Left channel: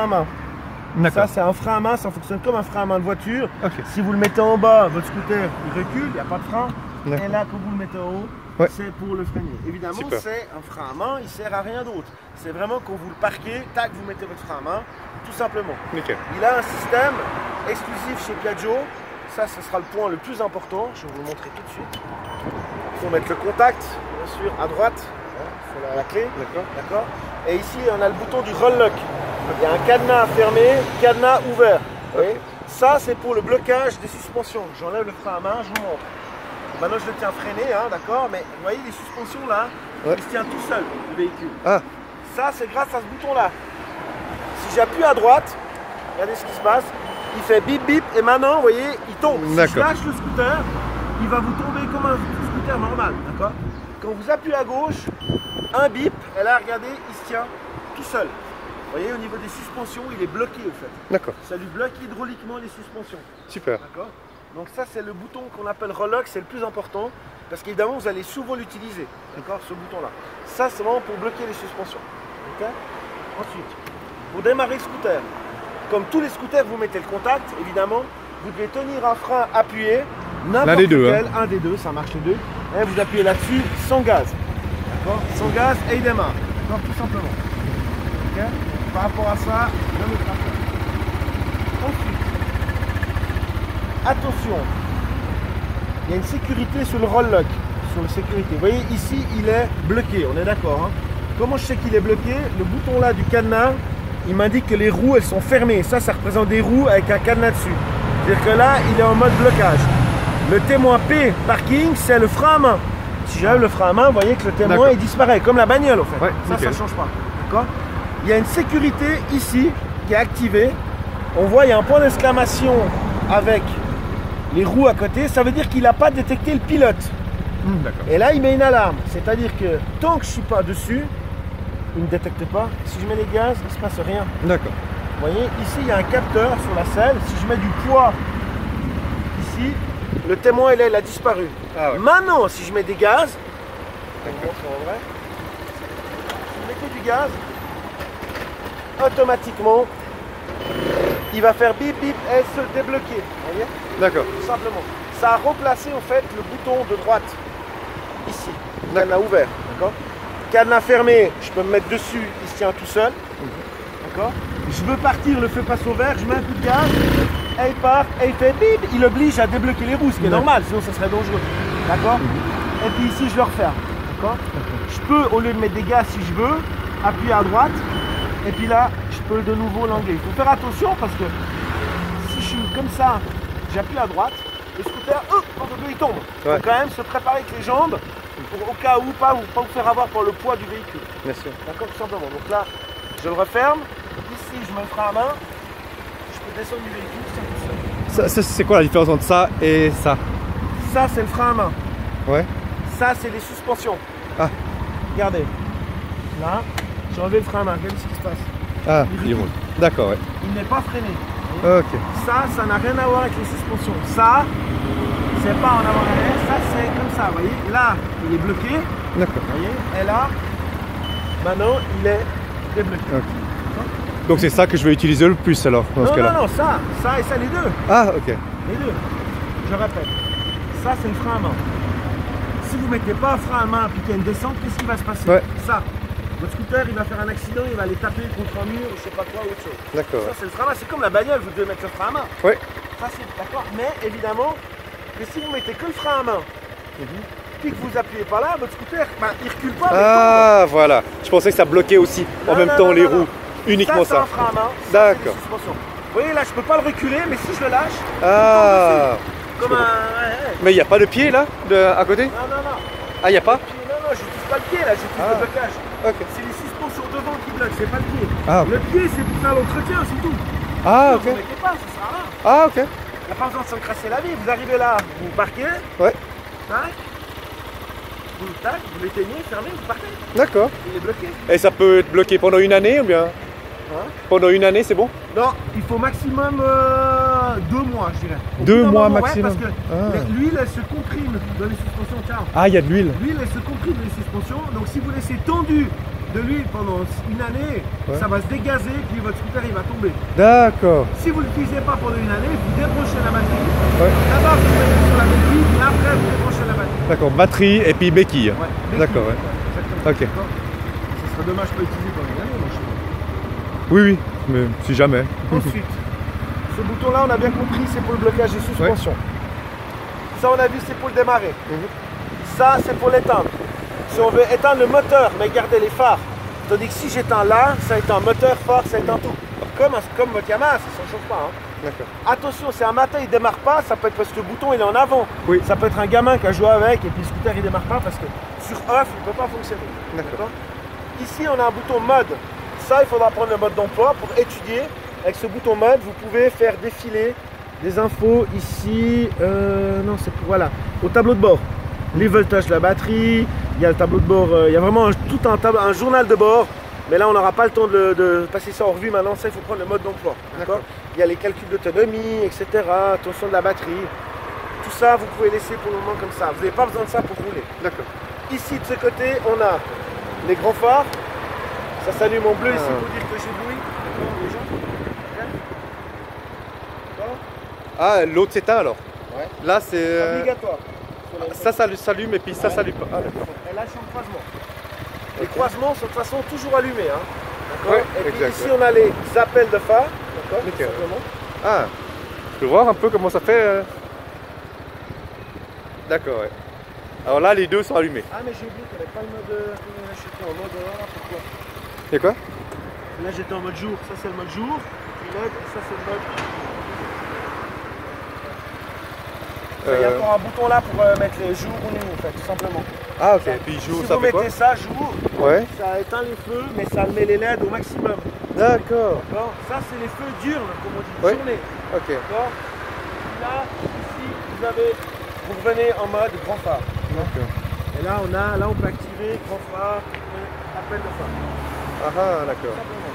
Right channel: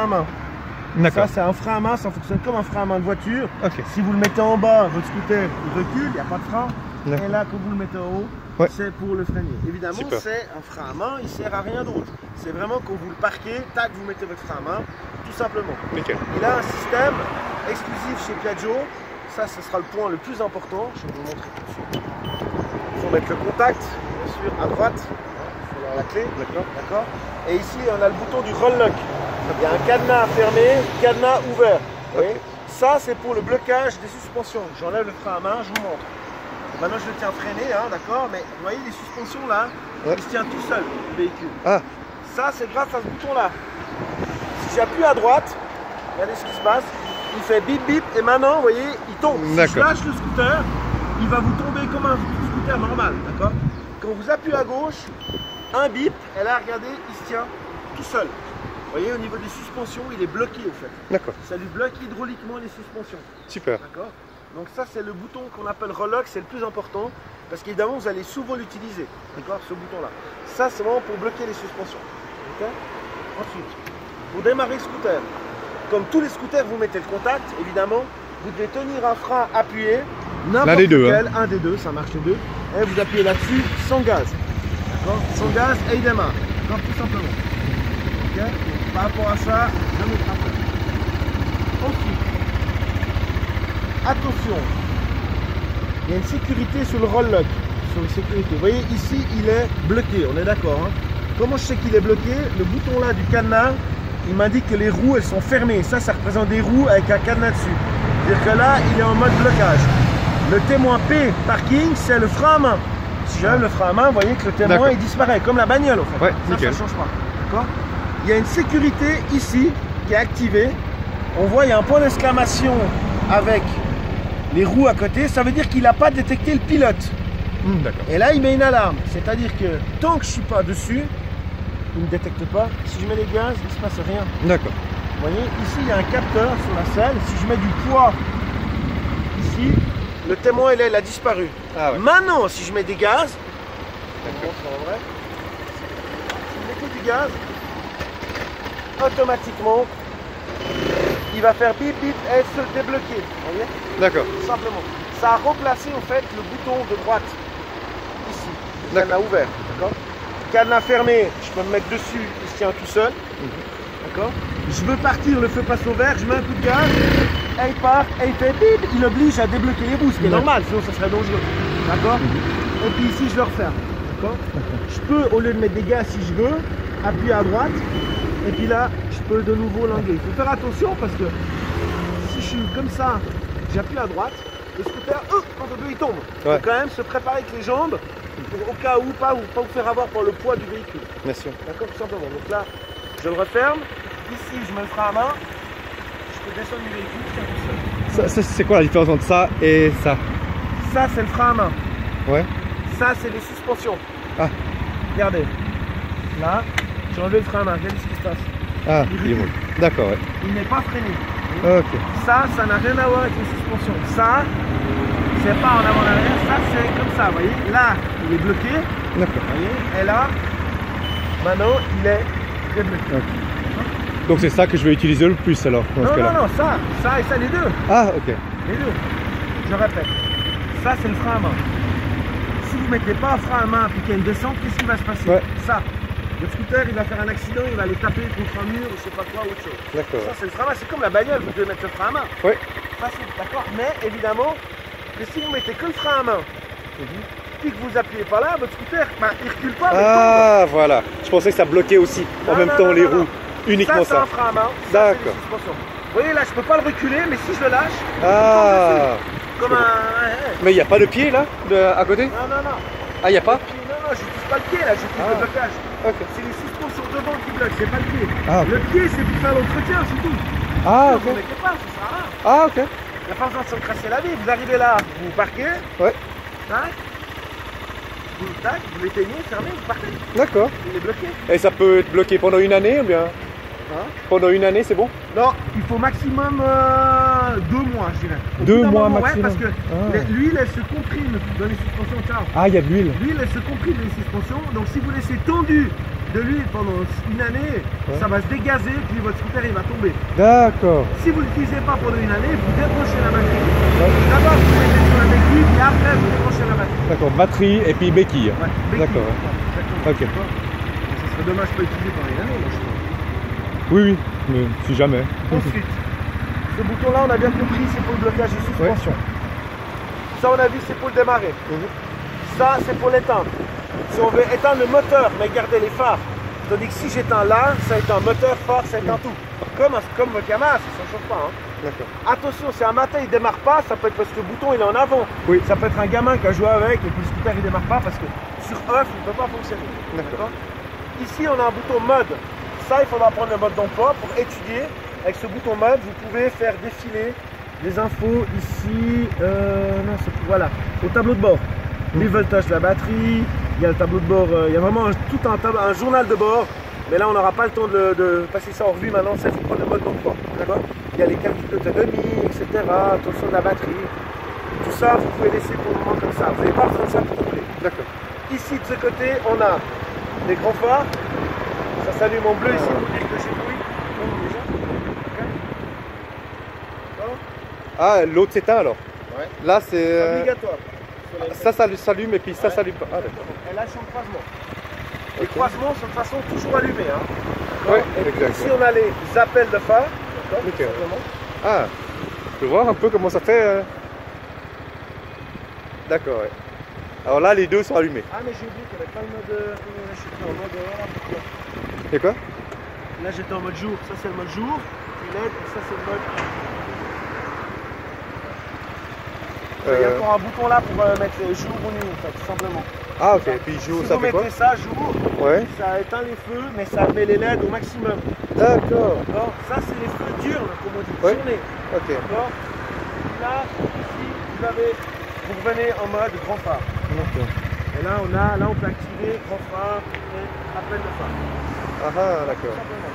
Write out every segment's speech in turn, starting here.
à main. D'accord. Ça, c'est un frein à main, ça fonctionne comme un frein à main de voiture. Ok. Si vous le mettez en bas, votre scooter il recule, il n'y a pas de frein. D'accord. Et là, quand vous le mettez en haut, Ouais. c'est pour le freiner. Évidemment, Super. c'est un frein à main, il ne sert à rien d'autre. C'est vraiment quand vous le parquez, tac, vous mettez votre frein à main, tout simplement. Nickel. Il a un système exclusif chez Piaggio. Ça, ce sera le point le plus important. Je vais vous le montrer tout de suite. Il faut mettre le contact, bien sûr, à droite, sur la clé. D'accord. D'accord. Et ici, on a le bouton du roll lock. Il y a un cadenas fermé, cadenas ouvert. Vous voyez. Ça, c'est pour le blocage des suspensions. J'enlève le frein à main, je vous montre. Maintenant, je le tiens freiné, hein, d'accord. Mais vous voyez, les suspensions là, Ouais. il se tient tout seul, le véhicule. Ah, Ça, c'est grâce à ce bouton-là. Si j'appuie à droite, regardez ce qui se passe. Il fait bip bip et maintenant, vous voyez, il tombe. Si je D'accord. lâche le scooter, il va vous tomber comme un scooter normal, d'accord. Quand vous appuyez à gauche, un bip, et là, regardez, il se tient tout seul. Vous voyez, au niveau des suspensions, il est bloqué au fait. d'accord. Ça lui bloque hydrauliquement les suspensions. Super. D'accord. Donc ça, c'est le bouton qu'on appelle roll lock, c'est le plus important. Parce qu'évidemment, vous allez souvent l'utiliser. D'accord, ce bouton-là. Ça, c'est vraiment pour bloquer les suspensions. D'accord. Ensuite, pour démarrer le scooter, comme tous les scooters, vous mettez le contact, évidemment. Vous devez tenir un frein appuyé. L'un des deux, Lequel, un des deux, ça marche les deux. Et vous appuyez là-dessus sans gaz. D'accord. Sans gaz et il démarre. Donc, tout simplement. Ok. Par rapport à ça, je me frappe. Ensuite, attention, il y a une sécurité sur le roll lock, sur la sécurité. Vous voyez ici, il est bloqué, on est d'accord. Hein. Comment je sais qu'il est bloqué? Le bouton là du cadenas, il m'indique que les roues elles sont fermées. Ça représente des roues avec un cadenas dessus. C'est-à-dire que là, il est en mode blocage. Le témoin P parking, c'est le frein à main. Si j'enlève le frein à main, vous voyez que le témoin il disparaît, comme la bagnole en fait. Ouais, ça nickel. ne change pas. D'accord. Il y a une sécurité ici qui est activée. On voit, il y a un point d'exclamation avec les roues à côté. Ça veut dire qu'il n'a pas détecté le pilote. D'accord. Et là, il met une alarme. C'est-à-dire que tant que je ne suis pas dessus, il ne détecte pas. Si je mets les gaz, il ne se passe rien. D'accord. Vous voyez, ici, il y a un capteur sur la selle. Si je mets du poids ici, le témoin, il a disparu. Ah ouais. Maintenant, si je mets des gaz, D'accord. si je mets que du gaz, automatiquement, il va faire bip bip et se débloquer. Vous voyez, D'accord. tout simplement. Ça a remplacé en fait le bouton de droite ici. D'accord. Cadenas ouvert. D'accord. Cadenas fermé, je peux me mettre dessus, il se tient tout seul. D'accord. Je veux partir, le feu passe au vert, je mets un coup de gaz, elle part, elle fait bip, il oblige à débloquer les roues, ce qui est normal, sinon ça serait dangereux. D'accord. Et puis ici je le referme. D'accord. Je peux, au lieu de mettre des gaz si je veux, appuyer à droite. Et puis là, je peux de nouveau l'enlever. Il faut faire attention parce que si je suis comme ça, j'appuie à droite, le scooter, il tombe. Il Ouais. faut quand même se préparer avec les jambes pour au cas où pas vous faire avoir par le poids du véhicule. Bien sûr. D'accord, tout simplement. Donc là, je le referme. Ici, je me le frein à main. Je peux descendre du véhicule, c'est tout seul. C'est quoi la différence entre ça et ça? Ça, c'est le frein à main. Ouais. Ça, c'est les suspensions. Ah. Regardez. Là, j'ai enlevé le frein à main. Regardez ce qui se passe. Ah, il roule. D'accord, ouais. Il n'est pas freiné. Ok. Ça n'a rien à voir avec les suspensions. Ça, c'est pas en avant en arrière, ça c'est comme ça, vous voyez. Là, il est bloqué, D'accord. vous voyez. Et là, maintenant, il est débloqué. Ok. Donc c'est ça que je vais utiliser le plus alors dans ce Non, cas-là. non, non, ça et ça, les deux. Ah, ok. Les deux. Je répète. Ça, c'est le frein à main. Si vous ne mettez pas un frein à main et qu'il y a une descente, qu'est-ce qui va se passer? Ouais. Ça. Votre scooter, il va faire un accident, il va aller taper contre un mur, je sais pas quoi, autre chose. D'accord. Ça, c'est le frein à main. C'est comme la bagnole, vous devez mettre le frein à main. Ouais. Ça, c'est d'accord. Mais évidemment, que si vous mettez que le frein à main, puis que vous appuyez pas là, votre scooter, il recule pas. Mais Ah, voilà. Je pensais que ça bloquait aussi en Non, même non, temps non, les non, roues. Uniquement c'est ça. un frein à main. D'accord. Vous voyez là, je peux pas le reculer, mais si je le lâche, Ah. comme un. Mais il n'y a pas de pied là, à côté? Non, non, non. Ah, il n'y a pas? Non, non, j'utilise pas le pied là, j'utilise le blocage. Ok. C'est les suspensions devant qui bloquent, c'est pas le pied. Ah, ok. Le pied, c'est pour faire l'entretien, c'est tout. Ah, Non, ok. vous ne mettez pas, ça sert à rien. Ah, ok. Il n'y a pas besoin de s'encrasser la vie. Vous arrivez là, vous parquez, Ouais. tac, vous l'éteignez, fermez, vous partez. D'accord. Il est bloqué. Et ça peut être bloqué pendant une année ou bien? Hein? Pendant une année, c'est bon? Non, il faut maximum 2 mois, je dirais. Au 2 bout d'un mois moment, maximum. Ouais, parce que Ah. l'huile, elle se comprime dans les suspensions. Ciao. Ah, il y a de l'huile. L'huile, elle se comprime dans les suspensions. Donc, si vous laissez tendu de l'huile pendant une année, ça va se dégazer, puis votre scooter il va tomber. D'accord. Si vous ne l'utilisez pas pendant une année, vous débranchez la batterie. Donc d'abord vous mettez sur la béquille, et après vous débranchez la batterie. D'accord, batterie et puis béquille. Ouais, béquille. D'accord, ouais. Exactement. Ok. Ça serait dommage de pas utiliser pendant une année, moi, je trouve. Oui, oui, mais si jamais. Ensuite, ce bouton-là, on a bien compris, c'est pour le blocage des suspensions. Ça, on a vu, c'est pour le démarrer. Ça, c'est pour l'éteindre. Si on veut éteindre le moteur, mais garder les phares. Tandis que si j'éteins là, ça éteint moteur, phare, ça éteint tout. Comme votre Yamaha, ça ne chauffe pas. Hein. D'accord. Attention, si un matin il ne démarre pas, ça peut être parce que le bouton il est en avant. Oui. Ça peut être un gamin qui a joué avec et puis le scooter il ne démarre pas parce que sur off il ne peut pas fonctionner. D'accord. Ici, on a un bouton mode. Ça, il faudra prendre le mode d'emploi pour étudier. Avec ce bouton mode, vous pouvez faire défiler des infos ici. Non, c'est voilà, au tableau de bord. Les voltages de la batterie, il y a le tableau de bord, il y a vraiment tout un journal de bord. Mais là, on n'aura pas le temps de passer ça en revue. Maintenant, ça, il faut prendre le mode d'emploi. D'accord. Il y a les calculs d'autonomie, etc. Attention de la batterie. Tout ça, vous pouvez laisser pour le moment comme ça. Vous n'avez pas besoin de ça pour rouler. D'accord. Ici, de ce côté, on a les gros phares. Ça s'allume en bleu ici pour dire que j'ai bruit. Ah, l'autre s'éteint alors. Ouais. Là, c'est. Obligatoire. Ça s'allume et puis ça s'allume pas. Ah, d'accord. Elle lâche en croisement. Les croisements sont de toute façon toujours allumés. Hein. Ouais, et puis exact. ici, on a les appels de phare. Nickel. Ah, je peux voir un peu comment ça fait. D'accord, ouais. Alors là, les deux sont allumés. Ah, mais j'ai oublié qu'il n'y avait pas le mode. Là, j'étais en mode. Voilà pourquoi. C'est quoi? Là, j'étais en mode jour. Ça, c'est le mode jour. Puis là, ça, c'est le mode. Il y a encore un bouton là pour mettre les jours ou nuit, en fait, tout simplement. Ah, ok. Puis jour, si ça vous fait quoi? mettez ça jour, Ouais. ça éteint les feux, mais ça met les LED au maximum. D'accord. Alors, ça, c'est les feux diurnes, comme on dit. Ouais. Journée. Ok. D'accord. Là, ici, vous revenez en mode grand phare. D'accord. Et là, on peut activer grand phare et appel de phare. Ah, ah, d'accord. Simplement.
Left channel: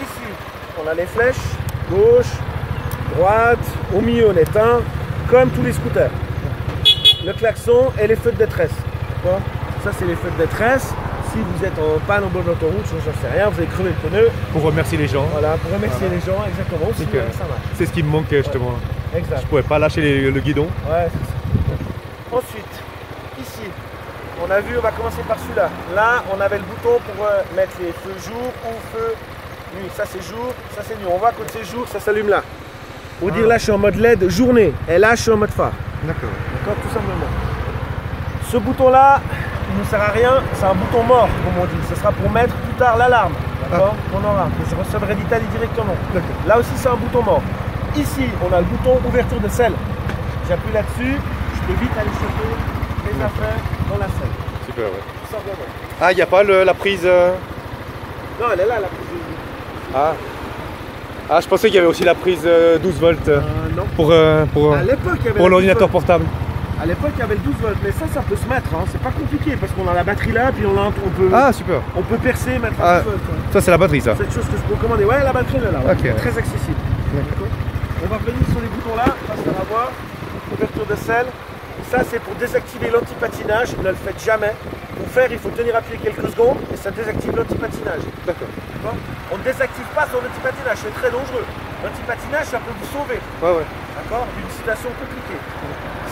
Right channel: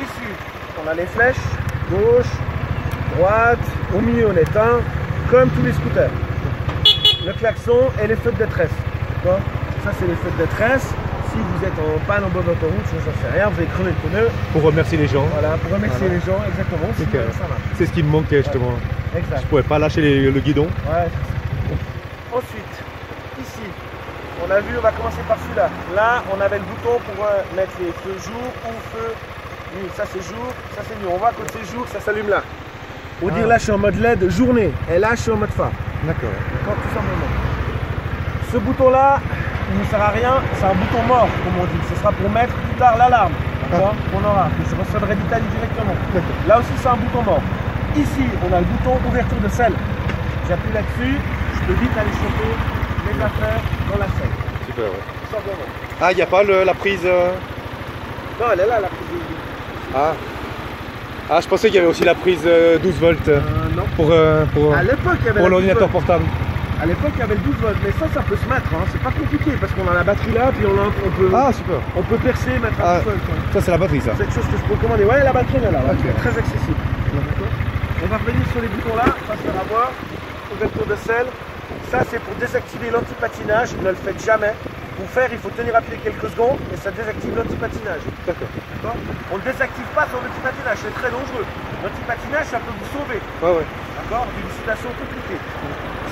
Ici, on a les flèches, gauche, droite, au milieu on éteint, comme tous les scooters. Le klaxon et les feux de détresse. Ça, c'est les feux de détresse. Si vous êtes en panne en bord d'autoroute, j'en sais rien, vous avez crevé le pneu. Pour remercier les gens. Voilà, pour remercier les gens, exactement. Nickel. Ça marche. C'est ce qui me manquait justement. Exact. Je pouvais pas lâcher le guidon. Ouais, c'est ça. Ensuite, ici, on a vu, on va commencer par celui-là. Là, on avait le bouton pour mettre les feux jour ou feux nuit. Ça, c'est jour, ça, c'est nuit. On voit que c'est jour, ça s'allume là. Pour dire là, je suis en mode LED journée. Et là, je suis en mode phare. D'accord. D'accord, tout simplement. Ce bouton-là, il ne sert à rien. C'est un bouton mort, comme on dit. Ce sera pour mettre plus tard l'alarme. D'accord, qu'on aura. Que je recevrai d'Italie directement. Là aussi, c'est un bouton mort. Ici, on a le bouton ouverture de selle. J'appuie là-dessus, je peux vite aller choper les affaires dans la selle. Super, ouais. Tout simplement. Ah, il n'y a pas la prise. Non, elle est là, la prise. Ah. Ah, je pensais qu'il y avait aussi la prise 12 volts Non. pour À l'époque, il y avait pour la 12 l'ordinateur volts. portable. À l'époque, il y avait le 12 volts. Mais ça peut se mettre. Hein. C'est pas compliqué parce qu'on a la batterie là, puis Ah, super. on peut percer, mettre un 12 volts. Ça, c'est la batterie, ça. C'est une chose que je peux commander. Ouais, la batterie elle est là. Ouais. Ok. Très accessible. D'accord. On va revenir sur les boutons là. Ça, on va voir. Ouverture de selle. Ça, c'est pour désactiver l'antipatinage. Ne le faites jamais. Pour faire, il faut tenir appuyé quelques secondes et ça désactive l'antipatinage. D'accord. On ne désactive pas son antipatinage, c'est très dangereux. L'antipatinage, ça peut vous sauver. Ouais, ouais. D'accord, d'une situation compliquée.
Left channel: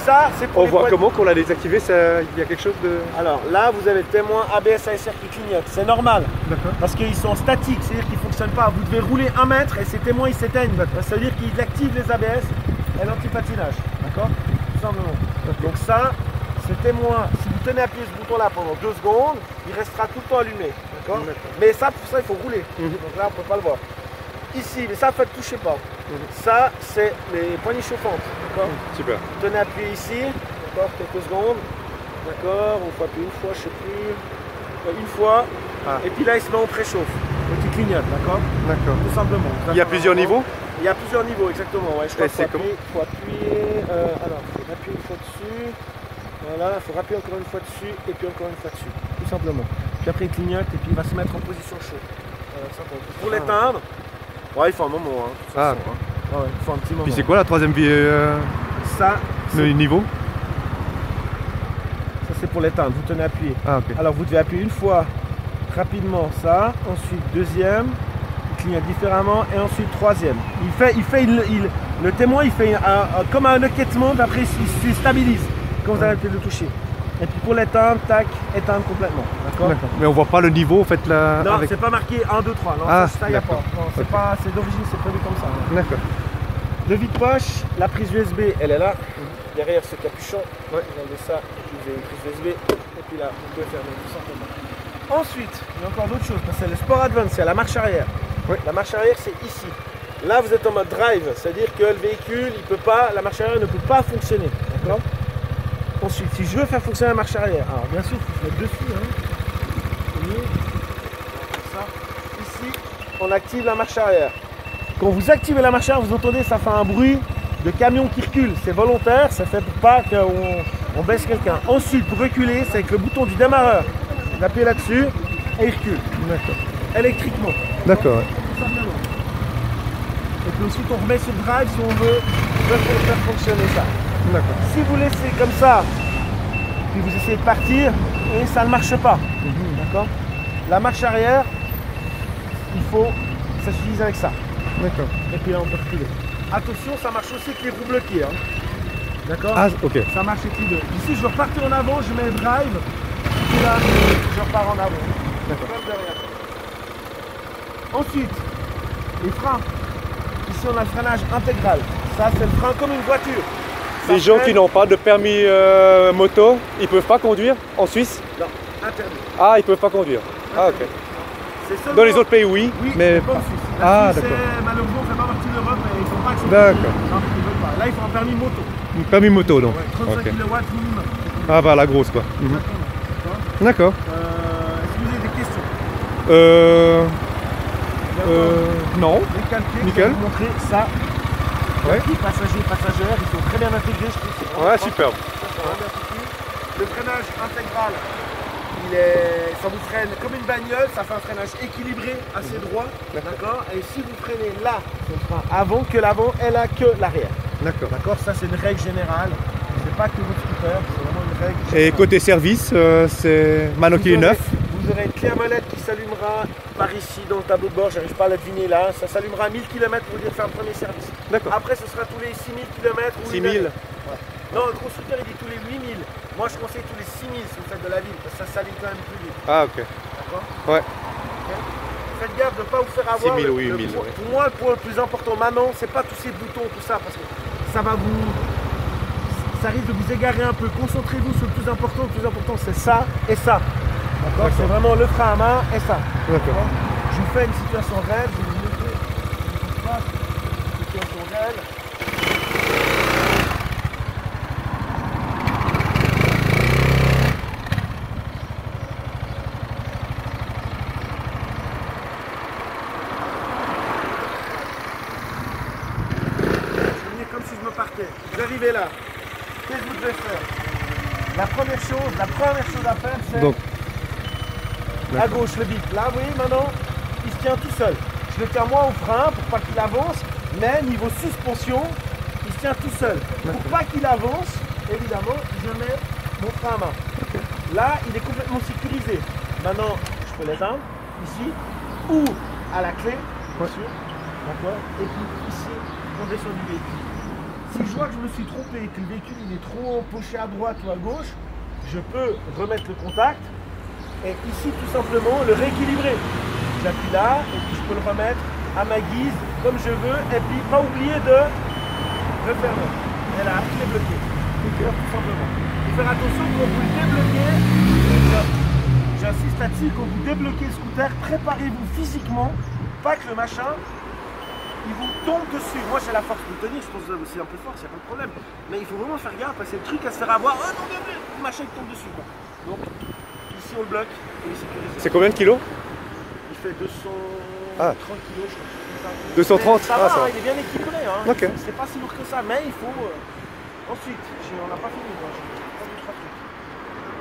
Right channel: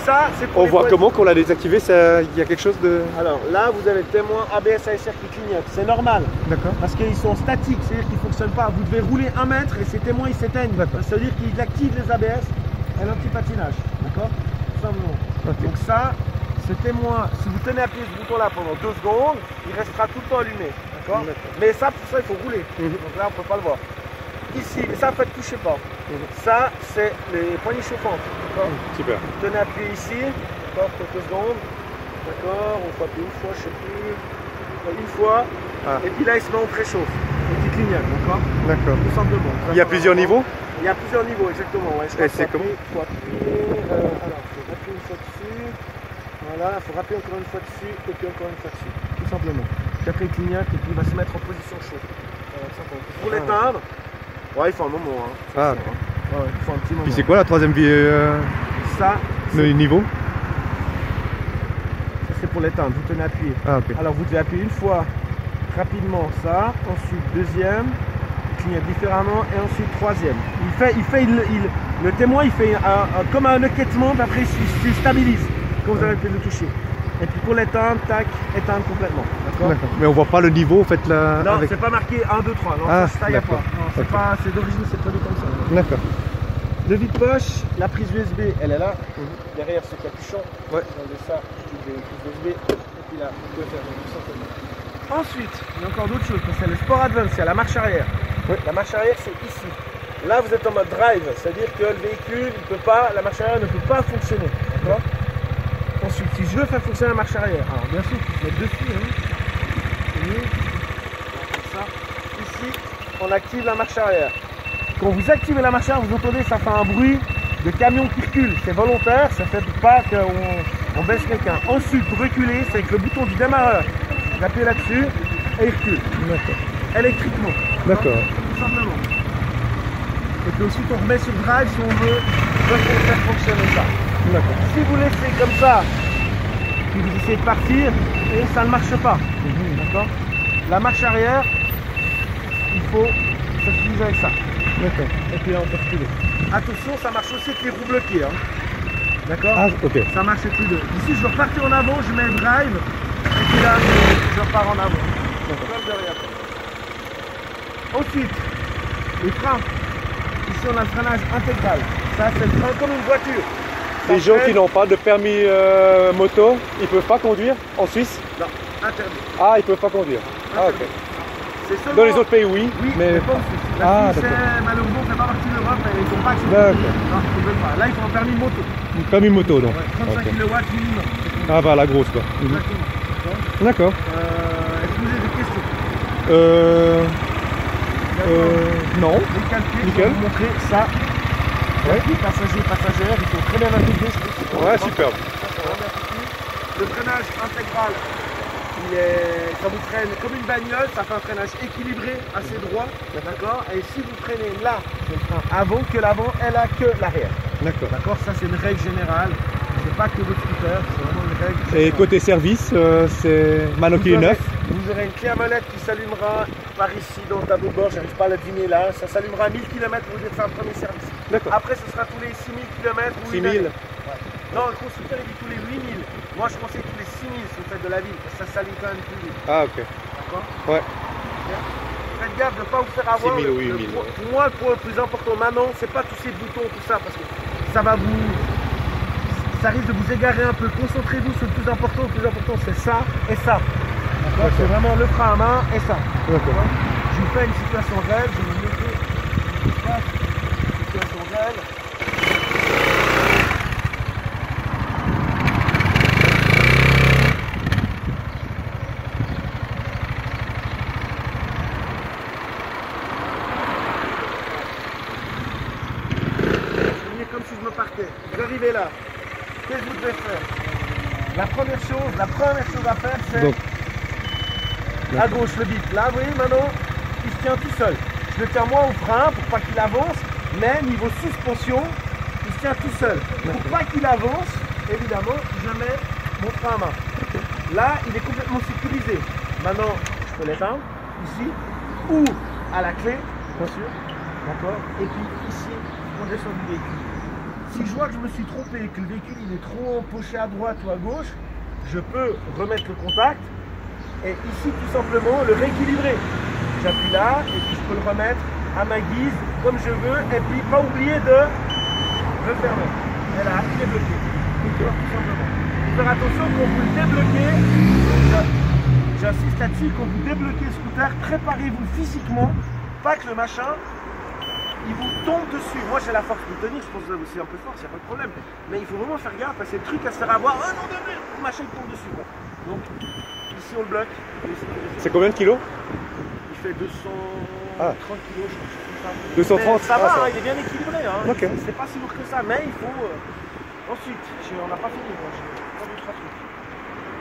Ça, c'est pour On voit comment qu'on l'a désactivé, il y a quelque chose de. Alors là, vous avez le témoin ABS ASR qui clignote. C'est normal. D'accord. Parce qu'ils sont statiques, c'est-à-dire qu'ils ne fonctionnent pas. Vous devez rouler 1 mètre et ces témoins ils s'éteignent. Ça veut dire qu'ils activent les ABS et l'antipatinage. D'accord. Tout simplement. Donc ça, ce témoin, si vous tenez appuyé ce bouton là pendant 2 secondes, il restera tout le temps allumé. D'accord. Mais ça, pour ça, il faut rouler. Donc là, on ne peut pas le voir. Ici, ça, faites touchez pas. Ça, c'est les poignées chauffantes. Super. Vous tenez appuyé ici, d'accord, quelques secondes. D'accord, on peut appuyer une fois, je sais plus. Une fois. Et puis là, il se met en préchauffe. Et tu clignotes, d'accord. D'accord. Tout simplement. Il y a plusieurs niveaux? Il y a plusieurs niveaux, exactement. Ouais. Et c'est comment? Il faut appuyer. Alors, il faut appuyer une fois dessus. Voilà, il faut appuyer encore une fois dessus. Et puis encore une fois dessus. Tout simplement. Puis après, il clignote et puis il va se mettre en position chaude. Pour l'éteindre, ouais, il faut un moment. Hein. Ah, ok. Ouais, il faut un petit moment. Puis c'est quoi la troisième vie Ça, le niveau? c'est pour l'éteindre, vous tenez appuyé. Ah, ok. Alors vous devez appuyer une fois rapidement ça, ensuite deuxième, il clignote différemment et ensuite troisième. Le témoin il fait comme un hoquetement, après il se stabilise quand vous arrêtez de le toucher. Et puis pour l'éteindre, tac, éteindre complètement. D'accord. Mais on voit pas le niveau en fait là. Non, avec... c'est pas marqué 1, 2, 3. Non, Ah, ça y a pas. Non, c'est d'origine, c'est produit comme ça. D'accord. Le vide-poche, la prise USB, elle est là. Derrière ce capuchon, dans de ça, vous avez une prise USB. Et puis là, vous pouvez faire des simplement. Ensuite, il y a encore d'autres choses. C'est le Sport Advance, c'est la marche arrière. Oui. La marche arrière, c'est ici. Là, vous êtes en mode drive, c'est-à-dire que le véhicule, il peut pas, la marche arrière ne peut pas fonctionner. D'accord. Ensuite, si je veux faire fonctionner la marche arrière, alors bien sûr, il faut se mettre dessus. C'est mieux. Comme ça. Ici, on active la marche arrière. Quand vous activez la marche arrière, vous entendez, ça fait un bruit de camion qui recule. C'est volontaire, ça ne fait pas qu'on baisse quelqu'un. Ensuite, pour reculer, c'est avec le bouton du démarreur. Vous appuyez là-dessus et il recule. D'accord. Électriquement. D'accord. Tout simplement. Et puis ensuite, on remet sur drive si on veut faire fonctionner ça. D'accord. Si vous laissez comme ça, puis vous essayez de partir, et ça ne marche pas. D'accord. La marche arrière, il faut, ça s'utilise avec ça. D'accord. Et puis là, on peut reculer. Attention, ça marche aussi avec les roues bloquées. Hein. D'accord. Ah, ok. Ça marche avec les deux. Ici, je veux repartir en avant, je mets drive, et puis là, je repars en avant. D'accord. Ensuite, les freins. Ici, on a le freinage intégral. Ça, c'est le frein comme une voiture. Les gens qui n'ont pas de permis moto, ils peuvent pas conduire en Suisse? Non, interdit. Ah, ils peuvent pas conduire. Ah, ok. Seulement... Dans les autres pays, oui, oui, mais pas en Suisse. Ah, Suisse, d'accord. Malheureusement, ça fait pas partie de l'Europe et ils ne font pas accepter. D'accord. Non, ils veulent pas. Là, il faut un permis moto. Un permis moto, donc. 35 Ok. kW minimum. Ah, bah la grosse, quoi. D'accord. Est-ce que vous avez des questions? Non. Les calculs, Nickel. je vais vous montrer ça. Ouais. Les passagers, passagères, ils sont très bien intégrés, je trouve. Ouais, superbe. Ça, c'est vraiment bien foutu. Le freinage intégral, ça vous freine comme une bagnole, ça fait un freinage équilibré, assez droit. D'accord. Et si vous freinez là, c'est le frein avant que l'avant, elle a que l'arrière. D'accord. D'accord. Ça, c'est une règle générale. C'est pas que votre scooter, c'est vraiment une règle. Et côté service, c'est maintenant qu'il est neuf. Vous aurez une clé à molette qui s'allumera par ici dans le tableau de bord, j'arrive pas à la deviner là, ça s'allumera à 1000 km pour dire faire un premier service. D'accord. Après ce sera tous les 6000 km. 6000. Non, le constructeur il dit tous les 8000. Moi je conseille tous les 6000 si vous faites de la ville, parce que ça s'allume quand même plus vite. Ah, ok. D'accord. Ouais. Faites gaffe de ne pas vous faire avoir. 6000 ou 8000. Pour moi, le point le plus important maintenant, c'est pas tous ces boutons, tout ça, parce que ça va vous. Ça risque de vous égarer un peu. Concentrez-vous sur le plus important. Le plus important, c'est ça et ça. D'accord. C'est vraiment le frein à main et ça. D'accord. Je vous fais une situation réelle. Je vais vous montrer une situation réelle. Comme si je me partais. Vous arrivez là. Qu'est-ce que vous devez faire? La première chose à faire, c'est à gauche le bip. Là, vous voyez, maintenant, il se tient tout seul. Je le tiens moi au frein pour pas qu'il avance, mais niveau suspension, il se tient tout seul. Pour pas qu'il avance, évidemment, je mets mon frein à main. Là, il est complètement sécurisé. Maintenant, je peux l'éteindre, ici, ou à la clé, bien sûr. D'accord. Et puis ici, on descend du véhicule. Si je vois que je me suis trompé, que le véhicule il est trop penché à droite ou à gauche, je peux remettre le contact et ici tout simplement le rééquilibrer. J'appuie là et puis je peux le remettre à ma guise comme je veux et puis pas oublier de refermer. Et là, il est bloqué. Tout simplement. Il faut faire attention quand vous le débloquez, j'insiste là-dessus, quand vous débloquez le scooter, préparez-vous physiquement, pas que le machin il vous tombe dessus. Moi j'ai la force de tenir, je pense que vous avez aussi un peu de force, il n'y a pas de problème. Mais il faut vraiment faire gaffe parce que c'est le truc à se faire avoir. Oh non, le machin il tombe dessus quoi. Donc ici on le bloque, on est sécurisé. C'est combien de kilos? Il fait 230 kilos je crois. 230. Ça va, il est bien équilibré. Hein. Okay. C'est pas si lourd que ça, mais il faut. Ensuite, on n'a pas fini.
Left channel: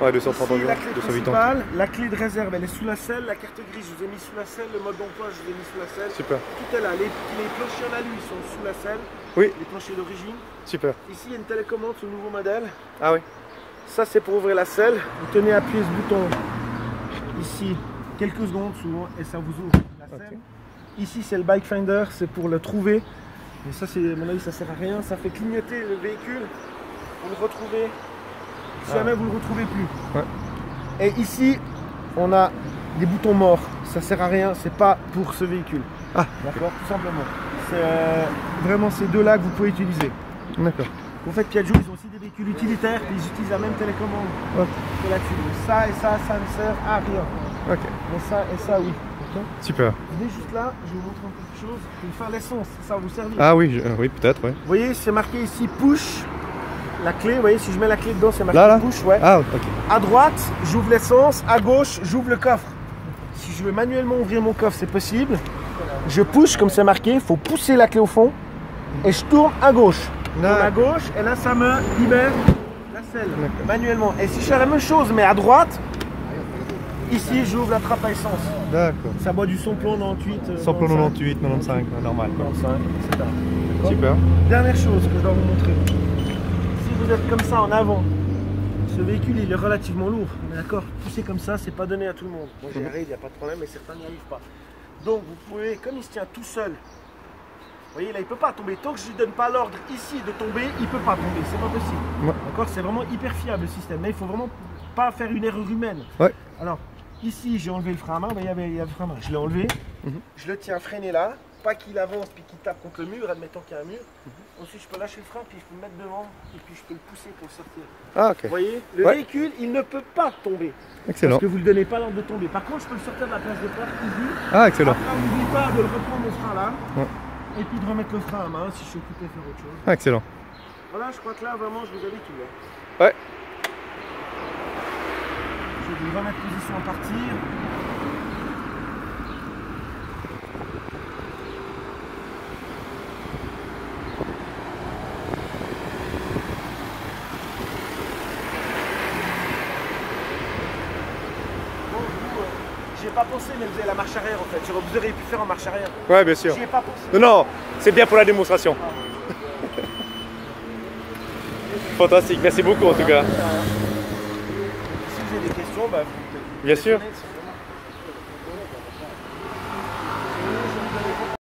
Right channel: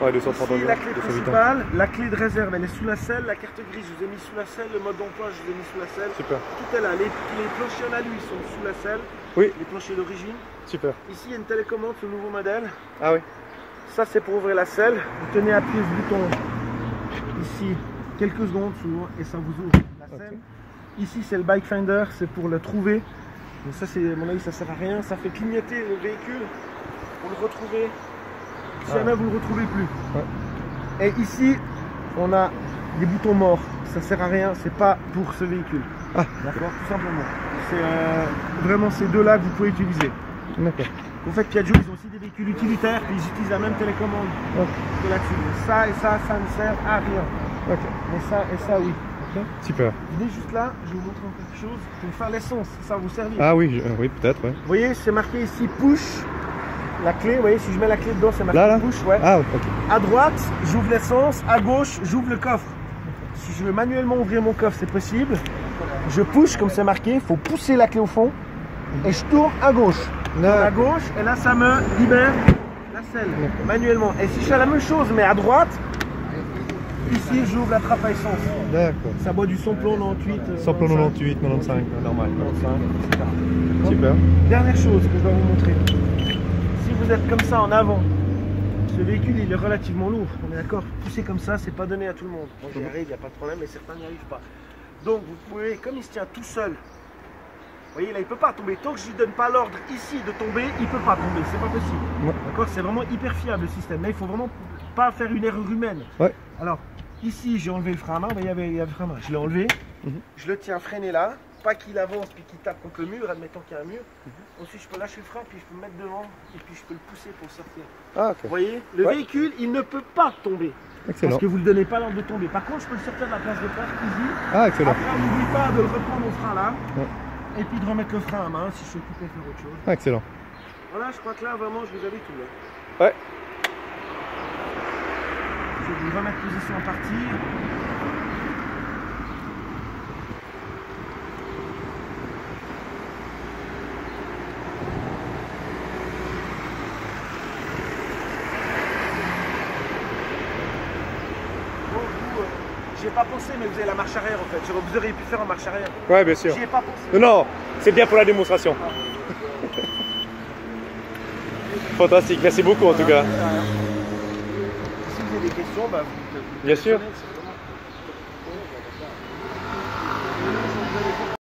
Ouais, 230 ici, la clé 208 principale, la clé de réserve elle est sous la selle, la carte grise je vous ai mis sous la selle, le mode d'emploi je vous ai mis sous la selle. Super. Tout est là, les planchers en alu sont sous la selle, oui. Les planchers d'origine. Super. Ici il y a une télécommande sur le nouveau modèle. Ah oui. Ça c'est pour ouvrir la selle, vous tenez appuyé ce bouton ici quelques secondes souvent et ça vous ouvre la scène. Ici c'est le bike finder, c'est pour le trouver. Mais ça, c'est, à mon avis, ça sert à rien. Ça fait clignoter le véhicule. Vous le retrouvez. Si jamais vous ne le retrouvez plus. Ouais. Et ici, on a des boutons morts. Ça sert à rien. C'est pas pour ce véhicule. Ah, d'accord, tout simplement. C'est vraiment ces deux-là que vous pouvez utiliser. D'accord. En fait, Piaggio, ils ont aussi des véhicules utilitaires. Puis ils utilisent la même télécommande que là-dessus. Ça et ça ne sert à rien. Ok. Mais ça et ça, oui. Okay. Super. Venez juste là, je vais vous montrer quelque chose pour faire l'essence, ça va vous servir. Ah oui, oui peut-être, ouais. Vous voyez, c'est marqué ici push, la clé, vous voyez, si je mets la clé dedans, c'est marqué là push, ouais. Ah, ok. À droite, j'ouvre l'essence, à gauche, j'ouvre le coffre. Si je veux manuellement ouvrir mon coffre, c'est possible. Je push, comme c'est marqué, il faut pousser la clé au fond, et je tourne à gauche. À gauche, et là, ça me libère la selle, manuellement. Et si je fais la même chose, mais à droite, ici, j'ouvre la trappe à essence. D'accord. Ça boit du samplon 98. Samplon 98, 95, normal. 95, etc. Super. Dernière chose que je dois vous montrer. Si vous êtes comme ça en avant, ce véhicule il est relativement lourd. D'accord. Pousser comme ça, c'est pas donné à tout le monde. Moi j'y arrive, il n'y a pas de problème, mais certains n'y arrivent pas. Donc vous pouvez, comme il se tient tout seul, vous voyez là, il ne peut pas tomber. Tant que je ne lui donne pas l'ordre ici de tomber, il ne peut pas tomber. C'est pas possible. Ouais. D'accord. C'est vraiment hyper fiable le système. Mais il faut vraiment pas faire une erreur humaine. Ouais. Alors. Ici, j'ai enlevé le frein à main, il y avait le frein à main, je l'ai enlevé, je le tiens freiné là, pas qu'il avance puis qu'il tape contre le mur, admettons qu'il y a un mur. Ensuite, je peux lâcher le frein, puis je peux me mettre devant, et puis je peux le pousser pour le sortir. Ah, ok. Vous voyez, le véhicule, il ne peut pas tomber. Excellent. Parce que vous ne lui donnez pas l'ordre de tomber. Par contre, je peux le sortir de la plage de peur, easy. Ah, excellent. Après, on n'oublie pas de le reprendre au frein là, et puis de remettre le frein à main si je suis occupé à faire autre chose. Ah, excellent. Voilà, je crois que là, vraiment, je vous avais tout là. Ouais. Je vais vous remettre position à partir. Bon, vous, j'y ai pas pensé, mais vous avez la marche arrière en fait. Vous auriez pu faire en marche arrière. Ouais, bien sûr. J'y ai pas pensé. Non, non, c'est bien pour la démonstration. Fantastique, merci beaucoup en tout cas. Si vous avez des questions, bah, bien sûr.